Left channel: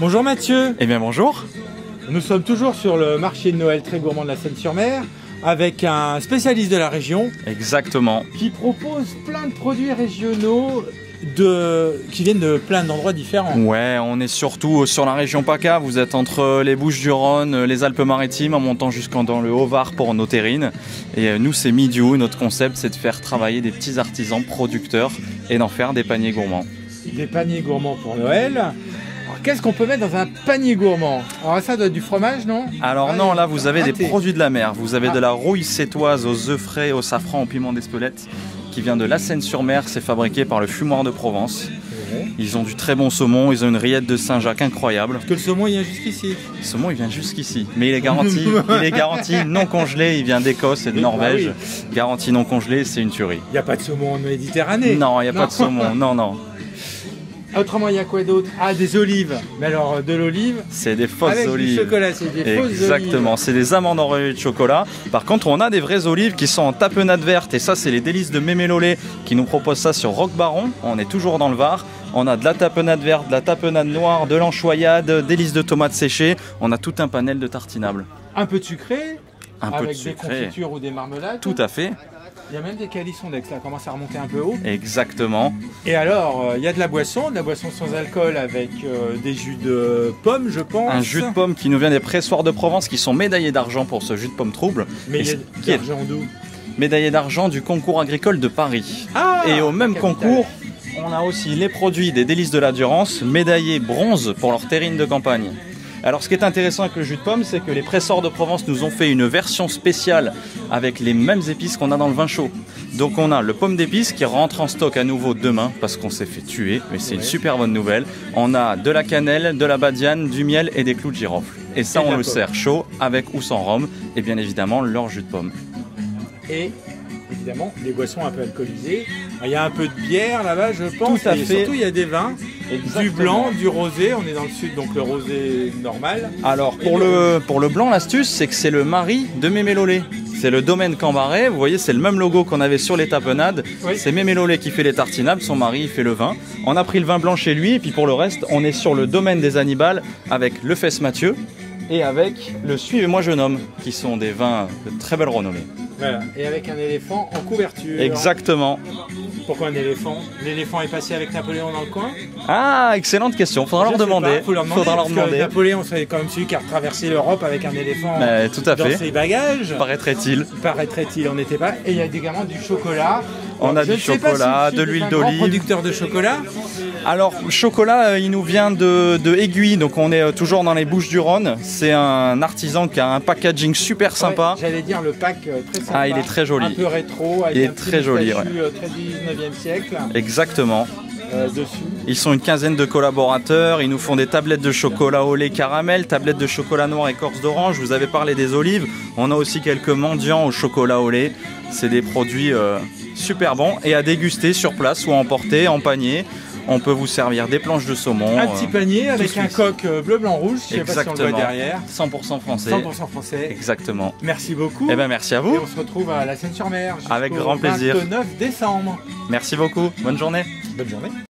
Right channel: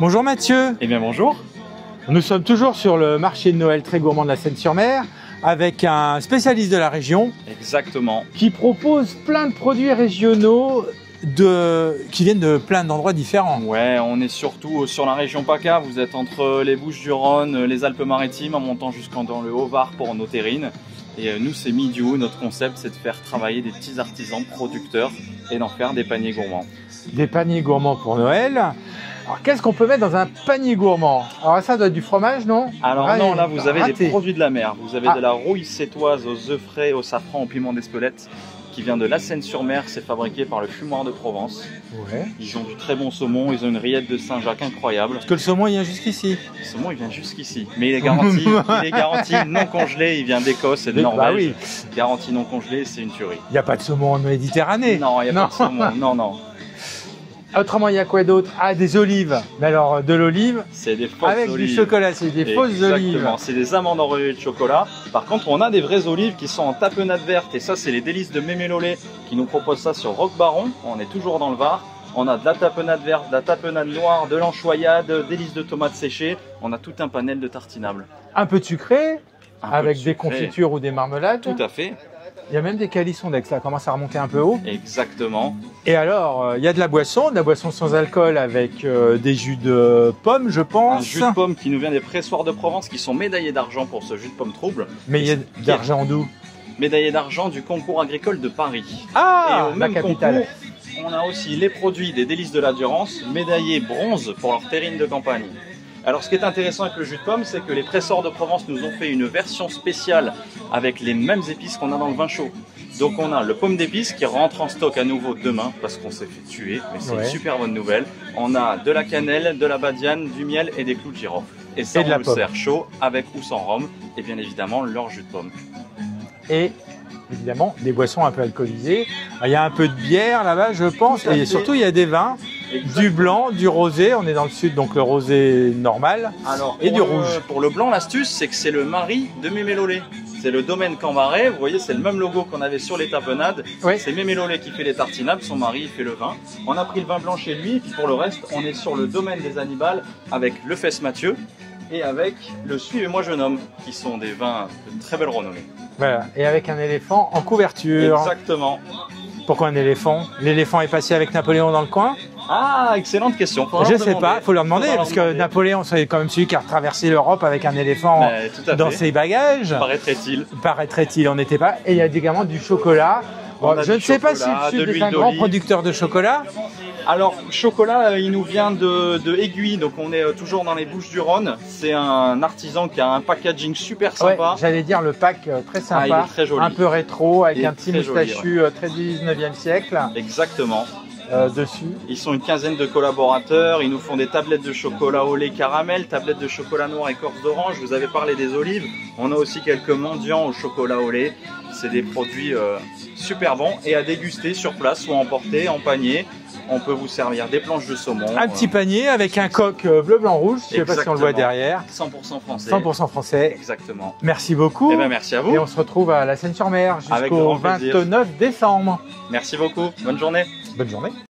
Bonjour Mathieu. Eh bien bonjour. Nous sommes toujours sur le marché de Noël très gourmand de la Seine-sur-Mer avec un spécialiste de la région. Exactement. Qui propose plein de produits régionaux qui viennent de plein d'endroits différents. Ouais, on est surtout sur la région PACA. Vous êtes entre les Bouches-du-Rhône, les Alpes-Maritimes, en montant jusqu'en dans le Haut-Var pour nos terrines. Et nous, c'est Midiou. Notre concept, c'est de faire travailler des petits artisans producteurs et d'en faire des paniers gourmands. Des paniers gourmands pour Noël. Alors qu'est-ce qu'on peut mettre dans un panier gourmand? Alors ça doit être du fromage, non? Alors non, là vous avez des produits de la mer. Vous avez de la rouille sétoise aux œufs frais, au safran, au piment d'Espelette, qui vient de la Seine-sur-Mer. C'est fabriqué par le Fumoir de Provence. Ouais. Ils ont du très bon saumon, ils ont une rillette de Saint-Jacques incroyable. Parce que le saumon il vient jusqu'ici. Le saumon il vient jusqu'ici, mais il est garanti non congelé, il vient d'Écosse et de Norvège. Bah oui. Garanti non congelé, c'est une tuerie. Il n'y a pas de saumon en Méditerranée. Non, il n'y a pas de saumon, non. Autrement, il y a quoi d'autre? Ah, des olives. Mais alors, de l'olive c'est des fausses avec olives. Du chocolat, c'est des fausses olives. Exactement, c'est des amandes enrobées de chocolat. Par contre, on a des vraies olives qui sont en tapenade verte. Et ça, c'est les délices de Mémé Lolé qui nous propose ça sur Roc Baron. On est toujours dans le Var. On a de la tapenade verte, de la tapenade noire, de l'anchoyade, délices de tomates séchées. On a tout un panel de tartinables. Un peu de sucré, avec des confitures ou des marmelades. Tout à fait. Il y a même des calissons d'Aix, ça commence à remonter un peu haut. Exactement. Et alors, il y a de la boisson sans alcool avec des jus de pomme, je pense. Un jus de pomme qui nous vient des pressoirs de Provence qui sont médaillés d'argent pour ce jus de pomme trouble. Mais il y a d'argent d'où? Médaillé d'argent du concours agricole de Paris. Ah, et au même concours, on a aussi les produits des délices de la Durance, médaillés bronze pour leur terrine de campagne. Alors ce qui est intéressant avec le jus de pomme, c'est que les presseurs de Provence nous ont fait une version spéciale avec les mêmes épices qu'on a dans le vin chaud. Donc on a le pomme d'épices qui rentre en stock à nouveau demain parce qu'on s'est fait tuer, mais c'est une super bonne nouvelle. On a de la cannelle, de la badiane, du miel et des clous de girofle. Et ça on le sert chaud avec ou sans rhum et bien évidemment leur jus de pomme. Et évidemment des boissons un peu alcoolisées. Il y a un peu de bière là-bas je pense, et surtout il y a des vins. Exactement. Du blanc, du rosé, on est dans le sud donc le rosé normal. Alors pour le blanc, l'astuce c'est que c'est le mari de Mémé Lolé. C'est le domaine Cambaret, vous voyez c'est le même logo qu'on avait sur les tapenades. Oui. C'est Mémé Lolé qui fait les tartinables, son mari il fait le vin. On a pris le vin blanc chez lui et puis pour le reste on est sur le domaine des Annibales avec le Fesse Mathieu et avec le Suivez-moi jeune homme qui sont des vins de très belle renommée. Voilà, et avec un éléphant en couverture. Exactement. Pourquoi un éléphant? L'éléphant est passé avec Napoléon dans le coin? Ah, excellente question. Faudra leur demander. Il faut leur demander parce que Napoléon, c'est quand même celui qui a traversé l'Europe avec un éléphant dans ses bagages. Paraîtrait-il. Paraîtrait-il, on n'était pas. Et il y a également du chocolat. On a du chocolat, de l'huile d'olive. Producteur de chocolat. Alors, le chocolat, il nous vient de Aiguille, donc on est toujours dans les Bouches-du-Rhône. C'est un artisan qui a un packaging super sympa. Ouais, j'allais dire le pack très sympa. Ah, il est très joli. Un peu rétro, avec un très joli, très du 19e siècle. Exactement. Dessus. Ils sont une quinzaine de collaborateurs, ils nous font des tablettes de chocolat au lait caramel, tablettes de chocolat noir écorce d'orange, vous avez parlé des olives, on a aussi quelques mendiants au chocolat au lait, c'est des produits super bons et à déguster sur place ou à emporter en panier. On peut vous servir des planches de saumon. Un petit panier avec un coq bleu, blanc, rouge, je ne sais pas si on le voit derrière. 100% français. 100% français. Exactement. Merci beaucoup. Eh ben, merci à vous. Et on se retrouve à la Seine-sur-Mer avec grand plaisir. Jusqu'au 29 décembre. Merci beaucoup. Bonne journée. Bonne journée.